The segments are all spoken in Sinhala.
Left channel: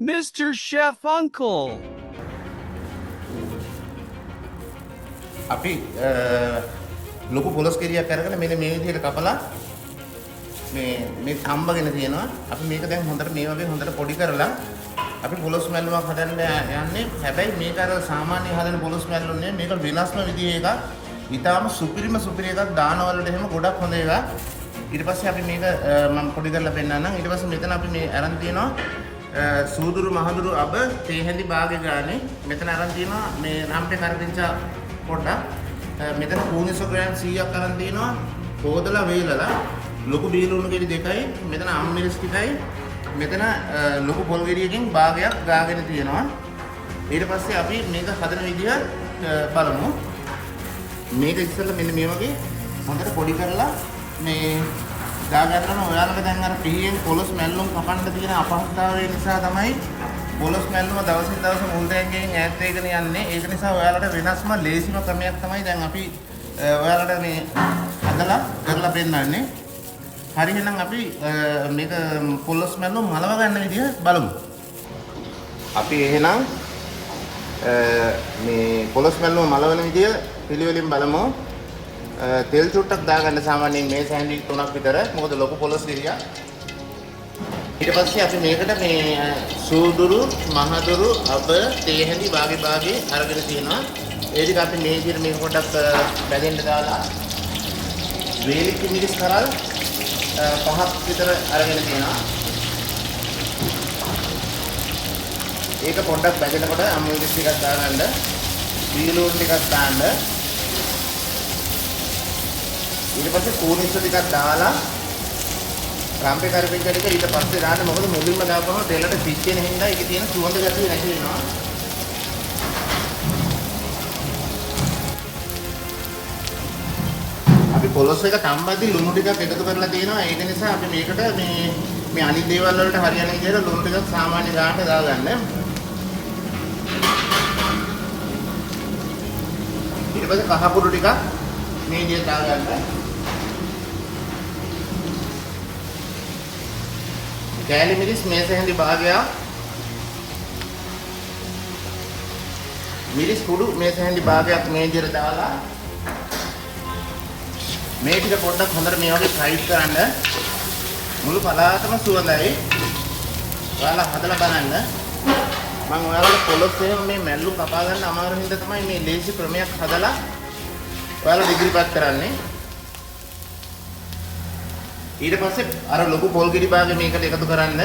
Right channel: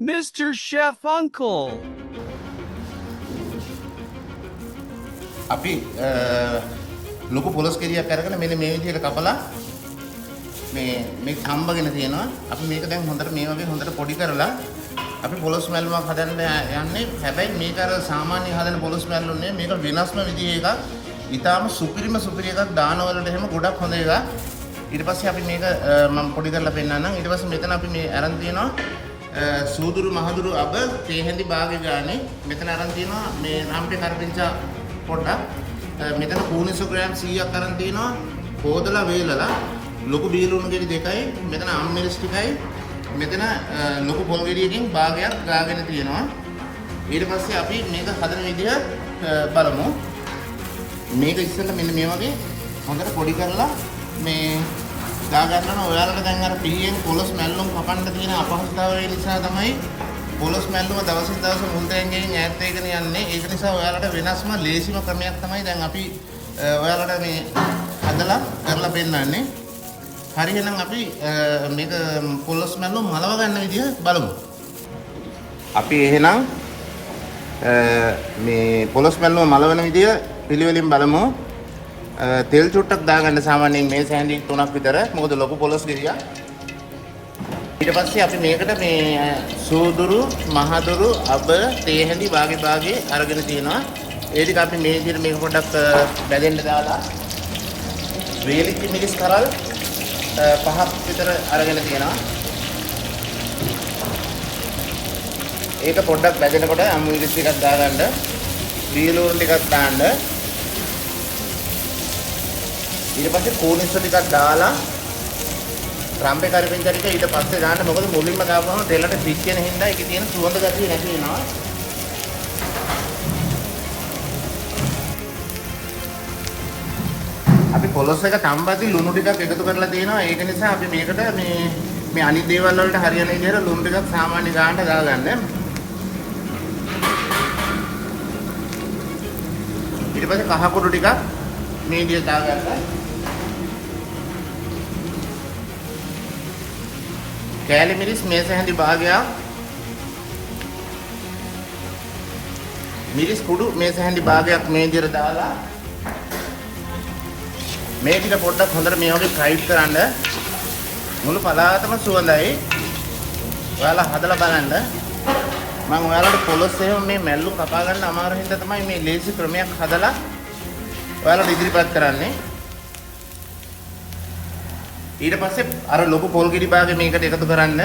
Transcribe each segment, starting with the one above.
Mr. Chef Uncle. අපි ලොකු පොලොස් කෙරියක් අරගෙන මෙන්න මේ විදිහට කපලා මේ හම්බගෙන තියෙනවා. අපි මේක දැන් හොඳට මේ වගේ හොඳට පොඩි කරලා අපි පොලොස් මැල්ලුමක් හදන්න යන්නේ. හැබැයි මේක අර සාමාන්‍ය හදන පොලොස් මැල්ලුම් නෙමෙයි. මේක වෙනස්ම විදිහේ එකක්. ඊටාම සුපිරි එකක් දානවලට එහෙම ගොඩක් හොඳ එකක්. ඊට පස්සේ අපි මේක මම පොඩි කරලා පෙන්නන්නම්. ඊට පස්සේ මෙතන අපි මේ අරන් තියෙනවා සූදුරු මහදුරු අබ තේ හැඳි භාගය ගානේ. මෙතන අරන් තියෙනවා මේ රම්පේ කරපිංචා පොඩ්ඩක්. මෙතන කූනිසෝ ග්‍රෑම් 100ක් අරන් තියෙනවා. හොදලා වේලලා ලොකු බීලුණු ගෙඩි දෙකයි මෙතන අම්මිරිස් ටිකයි මෙතන ලොකු පොල් ගෙඩියකින් භාගයක් ගාගෙන තියෙනවා. ඊට පස්සේ අපි මේක හදන විදිහ බලමු. මේක ඉස්සෙල්ලා මෙන්න මේ වගේ හොඳට පොඩි කරලා මේ ගා ගන්නවා. ඔයාලට දැන් අර පිහියෙන් පොලොස් මැල්ලුම් කපන්න තියෙන අපහසුතාවය නිසා තමයි පොලොස් මැල්ලුම දවසින් දවස මුල් තැන්ගෙන් ඈත් වෙගෙන යන්නේ. ඒක නිසා ඔයාලට වෙනස්ම ලේසිම ක්‍රමයක් තමයි දැන් අපි ඔයාලට මේ හදලා කරලා පෙන්නන්නේ. හරි එහෙනම් අපි මේක පොලොස් මැල්ලුම් මලව ගන්න විදිහ බලමු. අපි එහෙනම් මේ පොලොස් මැල්ලුම මලවන විදිහ පිළිවෙලින් බලමු. තෙල් චුට්ටක් දාගන්න සාමාන්‍යයෙන් මේ සෑන්ඩි 3ක් විතර. මොකද ලොකු පොලොස් ගෙඩියක්. ඊට පස්සේ අපි මේකට මේ සූදුරු මහදුරු අබ තේ හැඳි භාගේ අරගෙන තියෙනවා. ඒ ටික අපි මේ විදිහට මේ පොඩක් බැලෙන්න දාලා වේලිච්ච මිරිස් කරල් 5ක් විතර අරගෙන තියෙනවා. ඒක පොඩ්ඩක් බැදෙනකොට අමුමිරිස් ටිකක් දාගන්න. බීලුන් ටිකක් දාන්න. ඊට පස්සේ කෝනිස් ටිකක් දාලා රම්පේ කරපිංචා ටික ඊට පස්සේ දාන්න. මොකද මුලින්ම දාපුවම තෙලට පිච්ච වෙන හින්දා ඒකේ තියෙන සුවඳ ගතිය නැති වෙනවා. අපි පොලොස් එක තම්බද්දි ලුණු ටිකක් එකතු කරලා තියෙනවා. ඒක නිසා අපි මේකට මේ අනිත් දේවල් වලට හරියන විදිහට ලුණු ටිකක් සාමාන්‍ය ගානට දාගන්න. ඊට පස්සේ කහ කුඩු ටිකක් මේ විදිහට දාගන්න. කෑලි මිරිස් මේස හැඳි භාගයක්. මිරිස් කුඩු මේස හැඳි භාගයක් මේ විදිහට දාලා මේ ටික පොඩ්ඩක් හොඳට මේ වගේ ෆ්‍රයිඩ් කරන්න. මුළු පදාර්ථම සුවඳයි. ඔයාලා හදලා බලන්න. මම ඔයාලට පොලොස් එහෙම මේ මැල්ලු කපා ගන්න අමාරු හින්දා තමයි මේ ලේසි ක්‍රමයක් හදලා ඔයාලට ඉදිරිපත් කරන්නේ. ඊට පස්සේ අර ලොකු පොල් ගෙඩි භාගෙ මේකට එකතු කරන්න.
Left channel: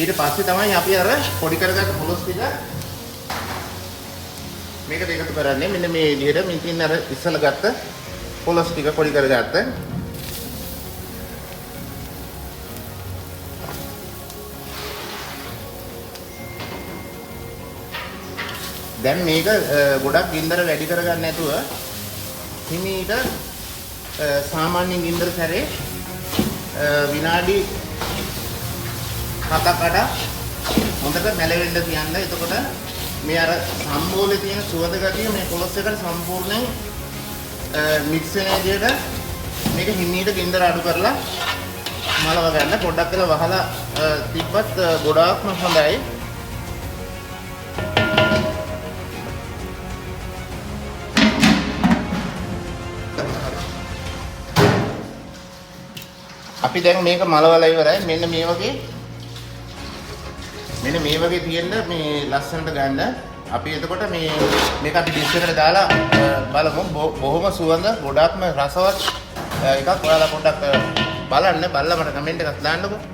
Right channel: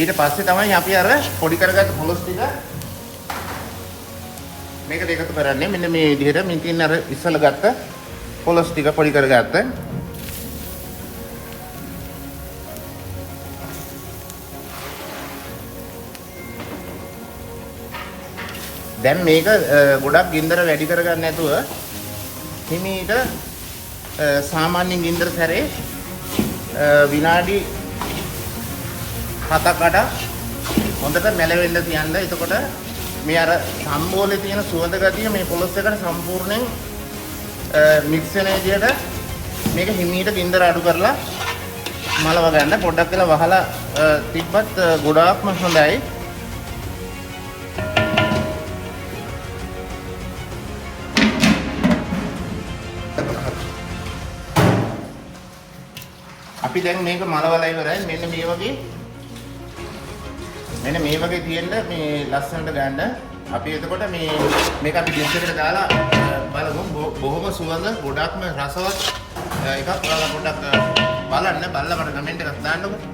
ඊට පස්සේ තමයි අපි අර පොඩි කරගත්ත පොලොස් ටික මේකට එකතු කරන්නේ. මෙන්න මේ විදිහට මේ තියෙන අර ඉස්සල ගත්ත පොලොස් ටික පොඩි කරගත්ත. දැන් මේක ගොඩක් ගින්දර වැඩි කරගන්න නැතුව හිමීට සාමාන්‍යයෙන් ගින්දර සැරේ විනාඩි 7කට හොඳට මැලවෙන්න තියන්න. එතකොට මේ අර සම්බෝලේ තියෙන සුවඳ ගතිය මේ පොලොස් එකට සම්පූර්ණයෙන් මික්ස් වෙන විදිහට මේක හිමීට ගින්දර අඩු කරලා මැලව ගන්න. පොඩ්ඩක් කියලා වහලා තිබ්බත් ගොඩාක්ම හොඳයි. අපි දැන් මේක මලවලා ඉවරයි. මෙන්න මේ වගේ තියෙන්න මේ ලස්සනට ගන්න. අපි එතකොට මේක අපි ඩිෂ් එකට දාලා බලමු. බොහොම සුවඳ ගොඩක්ම රසවත් එකක්. ඔයාලා පොඩ්ඩක් බලන්න. බලලා මට කමෙන්ට් එකක් දාන්නකෝ.